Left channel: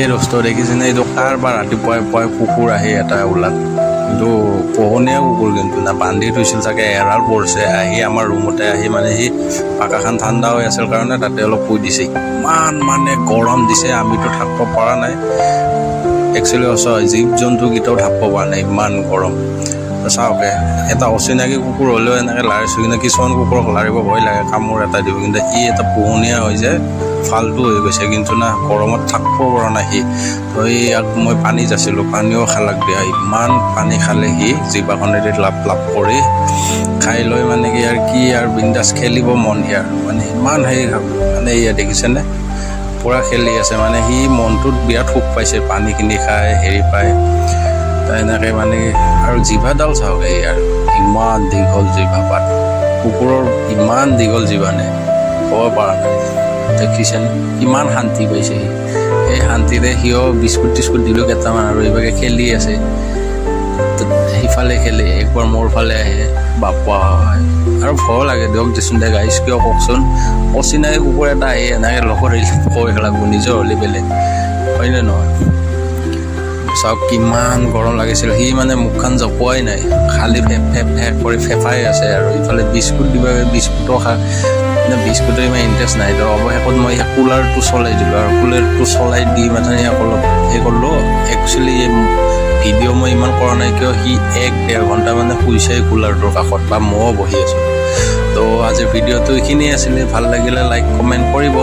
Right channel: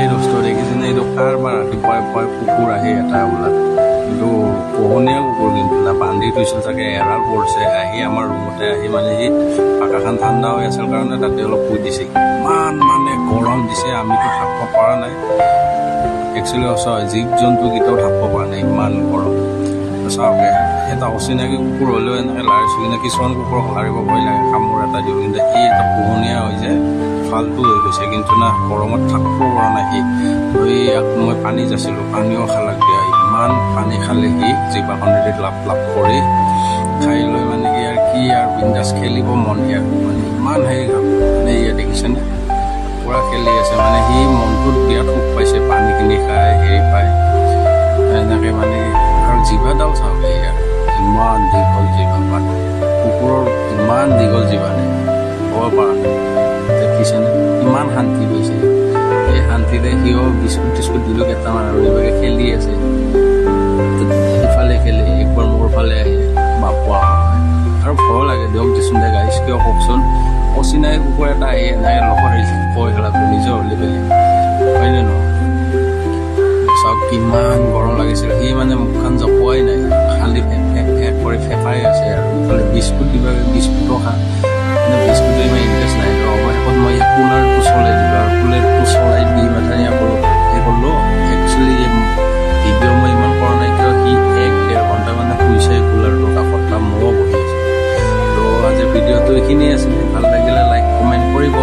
এই দোস্ত দেখিছেনে এইটো কাৰবাৰ ৰাতিপুৱাই পুৱাই কুকুৰ আহি এটা ওলাল কিন্তু পোহনীয়া কুকুৰ কিন্তু না বান্ধি থৈছিল চাগে এৰাল পৰিছে আহি আমাৰ ৰুমতে আহি মানে সি পাকাখন ঠাণ্ডা হৈ আছিল কাৰণে তাতে অলপ শুই দিছে ইমান মানে গৰম দিছে আমিতো থাকিব পৰা নাই একচুৱেলি সঁচা জীৱ জন্তুকেইটাও থাকিব পৰা নাই ইমান গৰম চাওক এটা অচিনাকি কুকুৰ হ'লেও এনেকৈ লাৰিছোঁ কিন্তু কিছুমান কুকুৰক লাৰিব ভয় লাগে কামোৰ এটা দিব কিন্তু সি এটা পোহনীয়া হৈ যায় ফাল্টু হৈ গৈছে কিন্তু না গৰমত থাকিব পৰা নাই সি তো ইয়াক মই পানী যাচিলোঁ পানীও খালাক দিয়া ইমান পানী খালে সি জিভাখনেৰে লাপ লাপ কৰি খাই লৈ মানে কি আৰু কি আৰু বিন্দাছ খেলিব মন ইয়াৰ মানে ইমান হেৰি মানে ইয়াত দেখিছেনে পূৰা খেলি আছে মানে সি মনটোত বিৰাট সুখ পাইছে পানীখিনি খাই হেৰি পায় এনেকৈ মানে আৰু জিভাডাল চাওক ইয়াৰ ইমান দীঘল জিভাপাত কুকুৰৰ ইমান দীঘল জিভানে ক'ব পৰা নাই দেখিছেনে ইমান শান্তি পাইছে সি এই শান্তিৰে সিও বিস্কুট টিস্কুট দিলোঁ কেইটামান আৰু এইভাগে খেলি আছে সিফালে খেলে একবাৰ মোৰ ফালে আহে বাপা হয় আৰু ভয় লাগে দিয়ক দেচোন দে গাইছ কিয় কওকচোন অচিনাকি কুকুৰ এটা আহি এনেকৈ লগত কৈ লাগব নিজৰ হ'লে বেলেগ হয়নে নহয় চাওক কিমান গৰম লাগিছিল সি মানে মুখখন জপোৱাই নাই খালি ফেপ ফেপ ফেপ কৰি ফেফাই আছে আৰু ইফালে বিস্কুট দিবা বিস্কুটো খা কিন্তু বিস্কুটৰ ইমান ইণ্টাৰেষ্ট নাই তো অৱশেষত মই কুলাৰটো চলাই দিলোঁ আৰু কুলাৰটো চলাই দি মানে অলপ সেই কৰিলোঁ একচুৱেলি ভিডিঅ' মই ইমান কৰা নাই কিয় সি 1-1.5 ঘণ্টা মানে শুইছে কুলাৰটোৰ কাষত বা ময়ো বহি আছোঁ তো আজিৰ ভিডিঅ'টো এইখিনিয়ে আছিলে ভাল লাগিলে লাইক কমেণ্ট কৰিব